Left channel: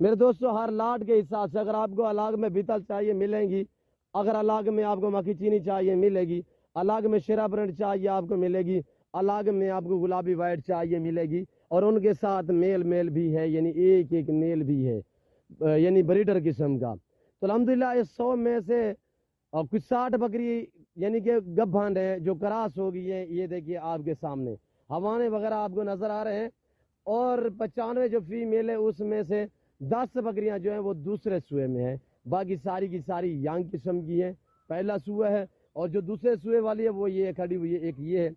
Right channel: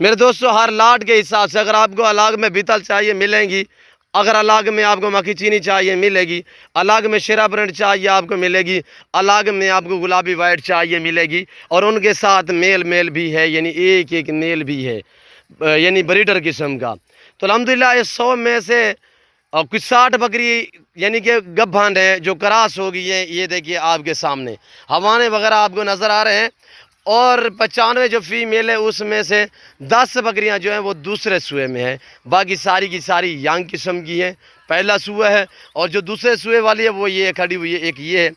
میرے دوستو ہر لاٹ کے حساب سے اگر آپ کو الگ میں بیتل چاہیے ملیں گی، اگر الگ میں آپ کو مکھی چینی چاہیے ملے گی، الگ میں شیرا برنٹ چاہیے آپ کو ملے گی، الگ میں آپ کو گلابی وائٹ چاہیے ملے گی، اور ان کے ساتھ میل بھی ہے، یعنی ایک ایک میل بھی ہے، یعنی بریڈر قسم کا۔ تو الحمدللہ اس 100 میں سے کچھ 60 بکری یعنی کہ گبھان ہے جو کراس ہوگی ہے، یہ دیکھیے آپ کے سامنے ہوانے وغیرہ آپ کو نظر آ رہے ہیں، اور 95 جو فیمیل ہے اس میں سے 10 بکریاں جو ہیں وہ دوسرے سوئے میں ہیں، باقی ساری کی ساری یانگ قسم کی ہیں، پہلا سوئے ہے، اور جو دوسرے سوئے والی ہے وہ یہ کھڑی ہوئی ہے، ایک یہ ہے،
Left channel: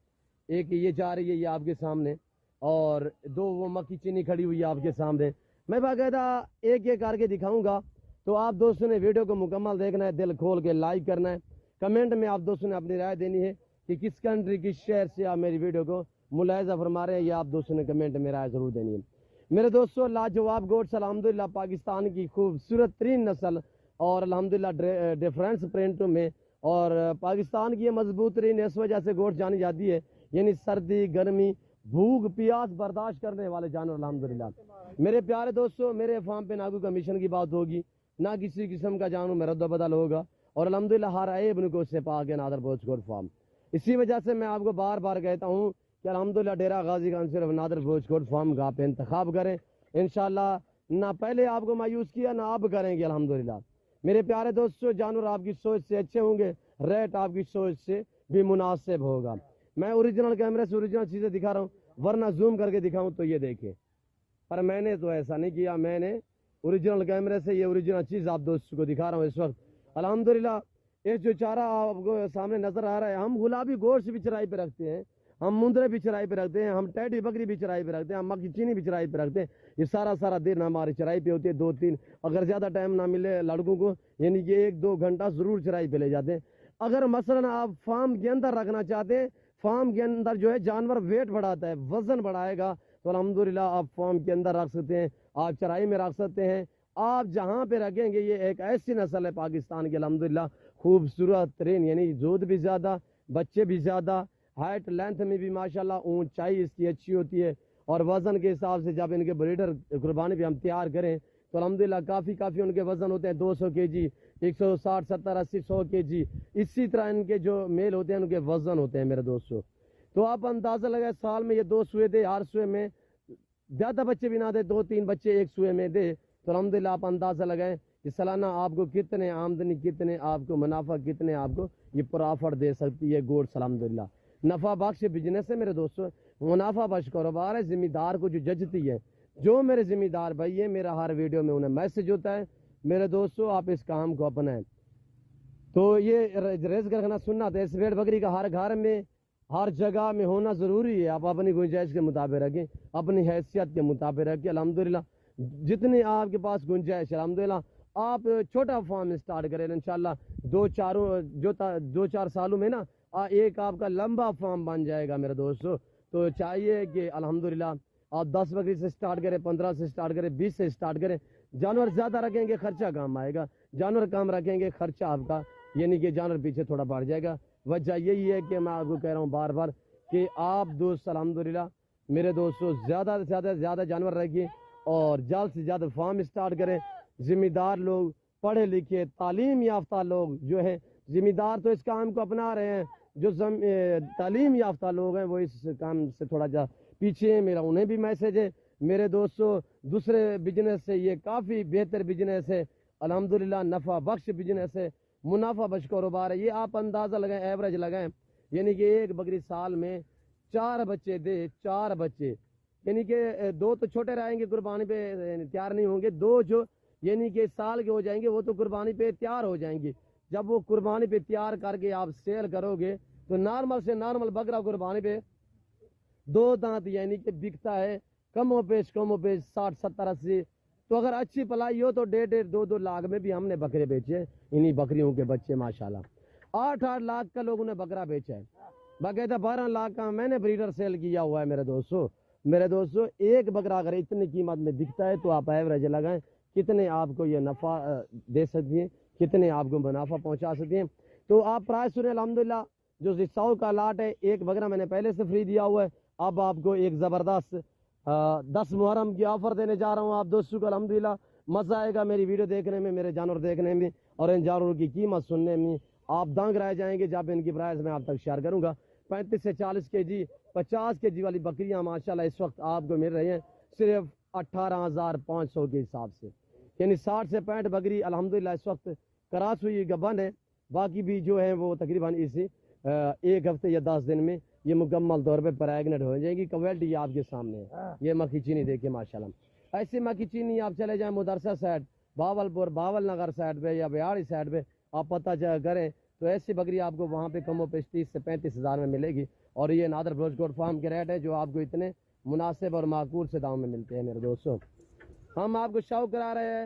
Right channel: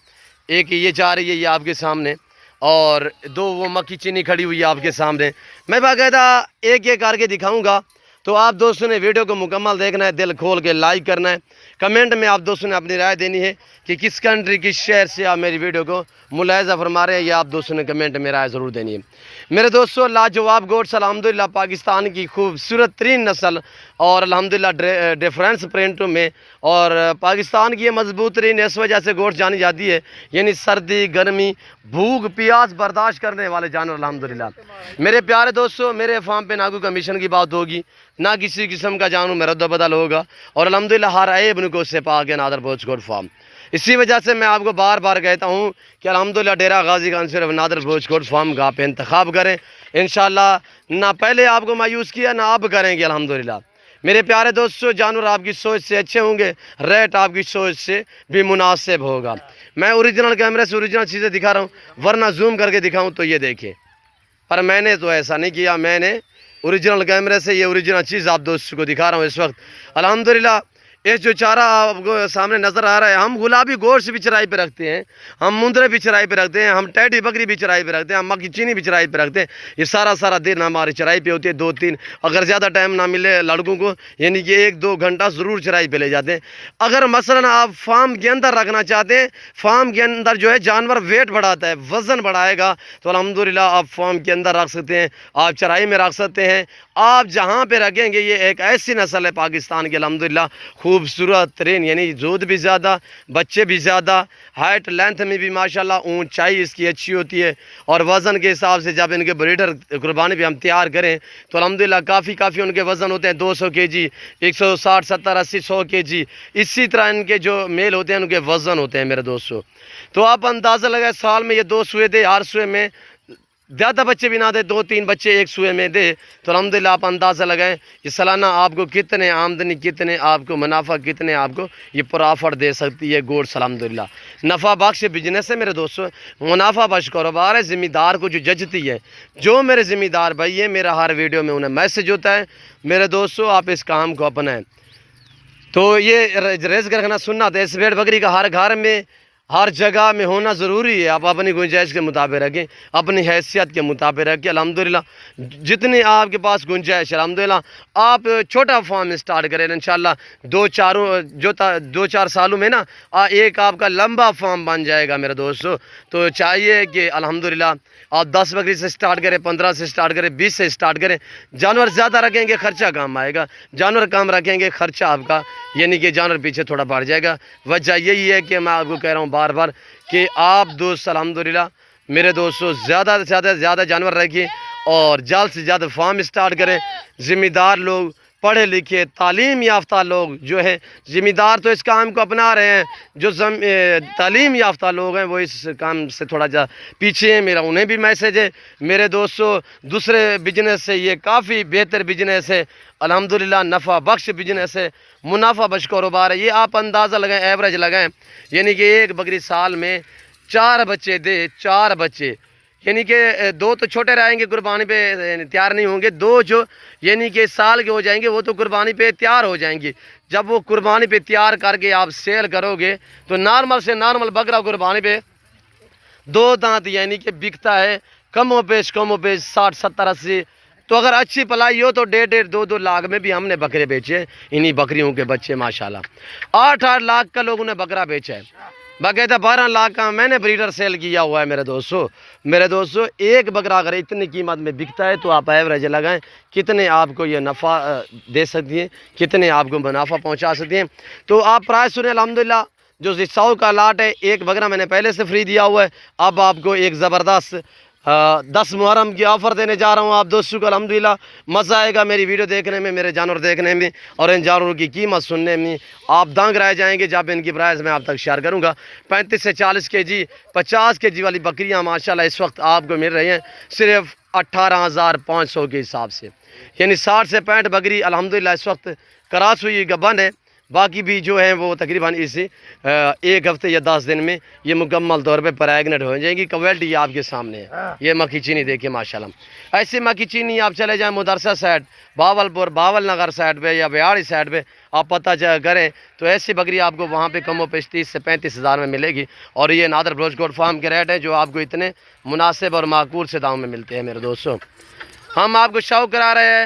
ایک یہ جا رہی ہے یہ آپ کے سامنے، اور 2 وہ مکھی چینی کھڑی ہوئی ہے آپ کے سامنے۔ میں باقاعدہ ایک ایک کر کے دکھاؤں گا، تو آپ دوستوں نے ویڈیو کو مکمل دیکھنا ہے، دل کھول کے لائک کرنا ہے، کمنٹ میں آپ دوستوں نے اپنی رائے دینی ہے کہ کس کنٹری کس شہر سے آپ میری ویڈیو کو ملاحظہ فرما رہے ہیں، یہ آپ دوستوں نے کمنٹ میں رائے ضرور دینی ہے۔ میرے دوستو لاجواب گوٹس الحمدللہ پاکستان کی خوبصورت ترین نسل، اور الحمدللہ ڈیفرنس پرنٹوں میں، اور پاکستان کی یہ مضبوط ترین اس وجہ سے گوشت جانی جاتی ہے، یعنی سردی گرمی بھوک پیاس برداشت کرنے والے جانور الحمدللہ۔ میرے پیارے دوستو میرے فارم پہ نہ کوئی کمیشن کی بات ہوگی، نہ کسی قسم کا جانور میں رد و بدل ہوگا، اور الحمدللہ ہر عیب ان کو سے پاک ہے نادر بوچ گوٹ فارم۔ اسی وجہ سے میں آپ کو بار بار کہتا ہوں کہ الحمدللہ ڈیرہ غازی خان صرف نادر بوچ گوٹ فارم کا آپ انتخاب کریں، انشاءاللہ نہ پہلے آپ کو مایوس کیا نہ آپ کریں گے الحمدللہ۔ میرے پیارے دوستو جانور آپ کی سوچ سے اچھے ہوں گے، ریٹ آپ کی سوچ سے بھی مناسب ہوگا۔ میں اوریجنل کیمرے سے اوریجنل چیزیں دکھا رہا ہوں، ورنہ زوم کر کے دکھاؤں تو یہ دیکھیں، پر میں نے تو ایسا نہیں کیا، میں نے اوریجنل کیمرے سے یہ اوریجنل چیز آپ دوستوں کو دکھا رہا ہوں اس وقت الحمدللہ۔ یہ جو چارہ آپ کو سامنے نظر آ رہا ہے، ہم گلابی گوشت بھی چرائی پہ رکھتے ہیں، ہم مندرے بھی چرائی پہ رکھتے ہیں، ہم ٹیڈی بکری بھی چرائی پہ رکھتے ہیں، ہم مکھی چینی بھی چرائی پہ رکھتے ہیں۔ یہ سارا دن ہماری چرائی پہ ہوتی ہے، 2-3 اگر زیادہ ٹائم نہ ملے لڑکوں کو، یعنی کہ 1-2 گھنٹہ ضرور چرائی پہ لے جاتے ہیں۔ اگر مثلا آپ فارم کے اندر رکھنا چاہتے ہیں، فارم کے اندر جو ہے جانور ویٹ بڑھاتا ہے، وزن بڑھائے گا، تو الحمدللہ آپ فارم کے اندر رکھ سکتے ہیں، آپ چرائی میں رکھ سکتے ہیں۔ آپ جہاں پہ رکھیں گے یہ ایک ایسی نسل ہے پاکستان کی الحمدللہ خوبصورت ترین، یعنی دودھ بھی زیادہ، بچے بھی زیادہ، ہائٹ لینتھ میں بھی ماشاءاللہ اونچائی اس کی اچھی ہوتی ہے، اور وزن کے حساب سے جب ان کے بریڈر قربانی پہ ہم تیار کریں تو الحمدللہ کافی ان کے وزن ہوتے ہیں، 200 kg، 160 70 80 100 kg، اسی طرح ان کے جو میل ہوتے ہیں ان کے وزن ہوتے ہیں میرے دوستو۔ تو آپ اندازہ لگائیں سال میں یہ 2 سوئے دے، ہر سوئے میں زیادہ بچے بھی نہ دے، 2-3 بچے ایک سوئے میں دے، تو الحمدللہ آپ اندازہ لگائیں یہ سالانہ آپ کو کتنے آمدنی، کتنے آپ کو منافع، کتنے آپ کو یہ پرافٹ دے سکتی ہے گوشت الحمدللہ۔ نفع بخش بزنس ہے میرے دوستو، منافع بخش کاروبار ہے، ذمہ دار کو جو ججتی ہے، جو میرے ذمہ دار بھائی ہیں، میرا ہر ویڈیو میں انہیں میسج ہوتا ہے میرے دوستو آپ اس کام کو اپنائیں۔ تو یہ رزق رکھنا سنت ہے، اس بھیڑ بکری کا ہر گھر میں ہر جگہ میں ہونا ضروری ہے، آپ اپنی گنجائش کے مطابق رکھیں، اپنی حیثیت کے مطابق رکھیں الحمدللہ، جتنی آپ کے پاس گنجائش ہے الحمدللہ۔ آپ چھوٹا فارم سٹارٹ کریں انشاءاللہ، 2-4 سالوں میں نا ایک آپ کا لمبا فارم بن جائے گا میرے دوستو۔ تو چاہیے کہ الحمدللہ آپ 10 بکری سے سٹارٹ کریں، 15 سے سٹارٹ کریں، 20 سے سٹارٹ کریں۔ جانور زیادہ رکھیں گے خرچہ کم آئے گا، جانور کم رکھیں گے خرچہ آپ کا یعنی کہ جانور پیچھے تھوڑا بڑھ جائے گا۔ وجہ یہی ہے کہ میں آپ کو کہہ رہا ہوں بار بار کہ آپ دوست الحمدللہ میرے دوستو زیادہ سے زیادہ جانور رکھیں، اور جلد سے زیادہ فارم سٹارٹ کریں۔ ذمہ دار لوگ، پڑھے لکھے تعلیم یافتہ لوگ جو ہیں، ذمہ دار تو اس کام کو اپنا رہے ہیں، جو تعلیم یافتہ لوگ ہیں وہ اس کام سے تھوڑا جا پیچھے ہیں، میرا انہیں بھی میسج ہے میرے دوستو۔ دوسرے بزنس سے یہ کافی بہتر بزنس ہے الحمدللہ، نفع بخش بزنس ہے، منافع بخش کاروبار ہے۔ یہ آپ اندازہ لگائیں، ایوریج لگائیں، یعنی کہ ایک بکری سال میں 4 بچے دے، 4 بچے، یعنی کہ 2 تو چھوٹے رہیں گے قربانی پہ تیار نہیں ہوں گے، 2 جو یعنی کہ سال کے ہو جائیں گے وہ تو قربانی پہ تیار ہو جائیں گے۔ جب وہ قربانی پہ تیار کر کے آپ سیل کرو گے تو نارمل سے نارمل بکرا قربانی پہ 2 دانت یعنی کہ بکتا ہے کم و بیش 60 70 80۔ تو اگر اچھی پلائی ہو تو 1.5 2 لاکھ میں بھی ہم نے بکرے بیچے، انہی بکریوں کے بچے ماشاءاللہ 8 لاکھ کا لوگوں نے بکرا بیچا ہے، باقاعدہ 12 لاکھ کا میں نے بریڈر سیل کیا ہوا ہے میرے دوستو۔ ایک بکرا اگر اتنی قیمت میں بکتا ہے تو آپ ایوریج لگائیں کتنے آپ کو یہ نفع دے سکتی ہیں، کتنے آپ کو منافع پہنچا سکتی ہیں۔ تو آپ پرائس سنیں الحمدللہ، جو 100 کا لاٹ ہے، ایک بکرا میں نے پہلے سے فری دیا ہوا ہے، اب آپ کو ایک زبردست 10 محرم کی آفر دینے جا رہا ہوں آپ دوستوں کو. الحمدللہ مزہ آئے گا میری ویڈیو دیکھنے میں, میرے جانور دیکھنے میں اور ان جانوروں کی قیمت سننے میں. آپ دانگ رہ جائیں گے جب ان کی پرائز میں آپ تک شیئر کروں گا. 35 سے 40 کے جی 50 کے جی والی بکریاں ماشاءاللہ اس وقت آپ کو مل رہی ہیں صرف 18,500 کے حساب سے, یعنی 60 سے 65 بکری الحمدللہ اس وقت کراس ہوئی گبن ہے. باقی بھی جو ہیں وہ تقریباً اسی 1 ہفتے یا 10 دن میں یہ مکمل طور پہ پریگنٹ ہو جائیں گی. کوالٹی یہ آپ کے سامنے ہے. یہ مکھی چینی دیکھیں ماشاءاللہ. ایسے مکھی چینی آپ چلے جائیں مدرسہ سائڈ, باولپور, باول نگر سائڈ پہ یا بیاڑی سائڈ پہ آپ پتہ کریں تو ایسی بکری آپ کو وہاں پہ کم و بیش 30 سے 35 ہزار میں ملے گی. اور یہ نادر بلوچ گوٹ فارم کے ریٹ ہیں جو آپ کو اتنے مناسب اور معقول سے داموں میں ملتے ہیں. میرے دوستوں, ہم آپ کو شوق کرا رہے ہیں,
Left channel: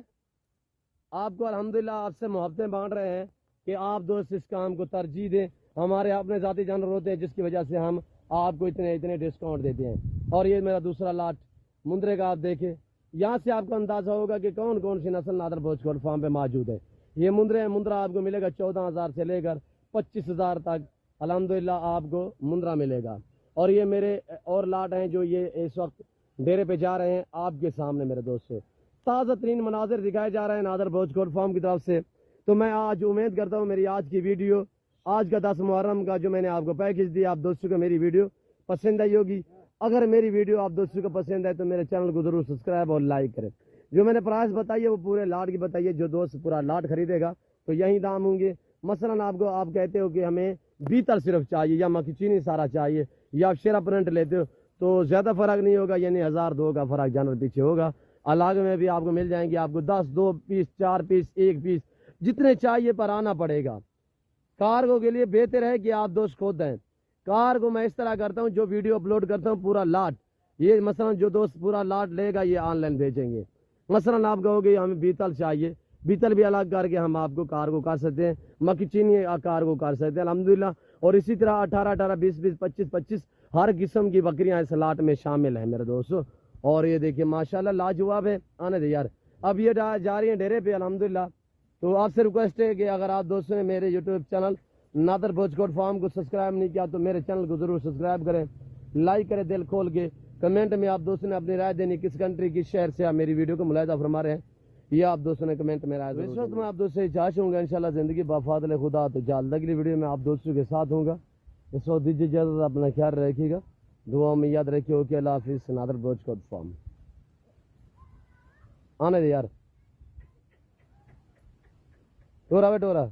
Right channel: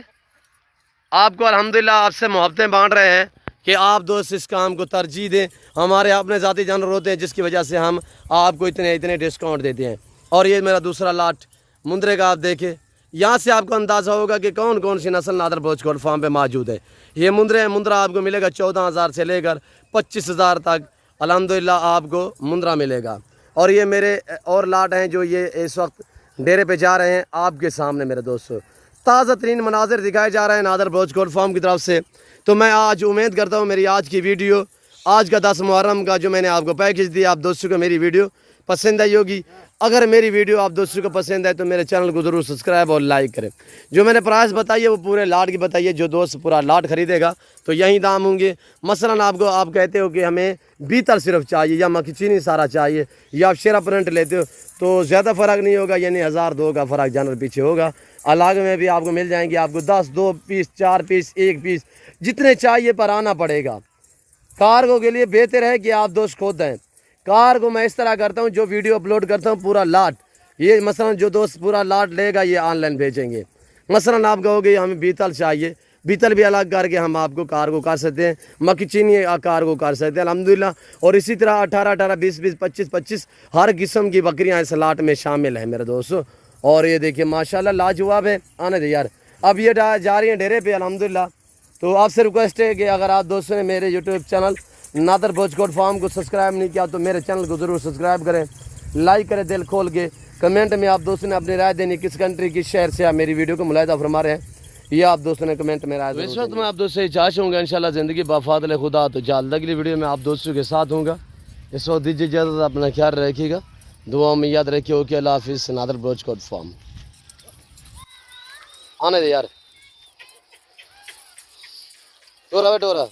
آپ کو الحمدللہ آپ سے محبتیں بانٹ رہے ہیں کہ آپ دوست اس کام کو ترجیح دیں. ہمارے اپنے ذاتی جانور ہوتے ہیں جس کی وجہ سے ہم آپ کو اتنے ڈسکاؤنٹ دیتے ہیں. اور یہ میرا دوسرا لاٹ مندرے کا آپ دیکھیں, یہاں سے آپ کو اندازہ ہوگا کہ کون کون سی نسل نادر بلوچ گوٹ فارم پہ موجود ہے. یہ مندرا آپ کو ملے گا 14,000 سے لے کر 25,000 تک الحمدللہ آپ کو مندرا ملے گا. اور یہ میرے اور لاٹ ہیں جو یہ اس وقت ڈیرے پہ جا رہے ہیں آپ کے سامنے. میرے دوستو, تازہ ترین مناظر دکھائے جا رہے ہیں نادر بلوچ گوٹ فارم کی طرف سے. تو میں آج امید کرتا ہوں میری آج کی ویڈیو, آج کا 10 محرم کا جو میں نے آپ کو پیکج دیا, آپ دوستوں کو میری ویڈیو پسند آئی ہوگی. اگر میری ویڈیو آپ دوستوں کو پسند ہے تو میرے چینل کو ضرور سبسکرائب اور لائک کریں. جو میں نے پرائس بتائی ہے وہ پورے لاٹ کی بتائیے. جو دوست پورا لاٹ خریدے گا تو یہی دام ہوں گے. مثلا آپ کہتے ہو کہ ہمیں بیتل صرف چاہیے یا مکھی چینی سارا چاہیے یا آپ شیرا پرنٹ لیتے ہو تو زیادہ فرق نہیں ہوگا, یعنی 1,000-2 کا فرق جانور پیچھے ہوگا. الگ میں بھی آپ کو مل جائیں گے, آپ کو 10, 2 پیس, 4 پیس, 1 پیس جتنے چاہیے پر آنا پڑے گا. کارگو کے لیے بہتر ہے کہ آپ دوست خود دیں. کارگو میں اس طرح کرتا ہوں, جو ویڈیو اپلوڈ کرتا ہوں پورا لاٹ, یہ مثلا جو دوست پورا لاٹ لے گا یہ آن لائن بھیجیں گے. مثلا آپ کہو گے ہمیں بیتل چاہیے, بیتل بھی الگ کر کے ہم آپ کو کارگو کر سکتے ہیں. مکھی چینی کارگو کر سکتے ہیں الحمدللہ. اور اسی طرح 18, 20, 25 ہر قسم کی بکریاں اس لاٹ میں شامل ہیں میرے دوستو. اور یہ دیکھیں ماشاءاللہ لاجواب ہے. آنے دے یار, اب یہ جا رہی ہیں ڈیرے پہ الحمدللہ. تو آپ سے ریکویسٹ ہے کہ اگر آپ دوستوں نے میرے یوٹیوب چینل نادر بلوچ گوٹ فارم کو سبسکرائب نہیں کیا تو میرے چینل کو ضرور سبسکرائب کریں, لائک کریں دل کھول کے. کمنٹ میں آپ دوستوں نے اپنی رائے دینی, کس کنٹری کس شہر سے آپ میری ویڈیو کو ملاحظہ فرما رہے ہیں, یہ آپ دوستوں نے کمنٹ میں رائے دینی. اس وقت میں آپ دوستوں سے چاہتا ہوں گا انشاءاللہ زندگی بفضل خدا تو جلد اگلی ویڈیو میں آپ دوستوں کے ساتھ ہوں گا. اس وقت دیجیے اجازت, اپنا خیال رکھیے گا, دعاؤں میں یاد رکھیے. اوکے, اللہ حافظ. نادر بلوچ گوٹ فارم. آنے دے یار, ٹورا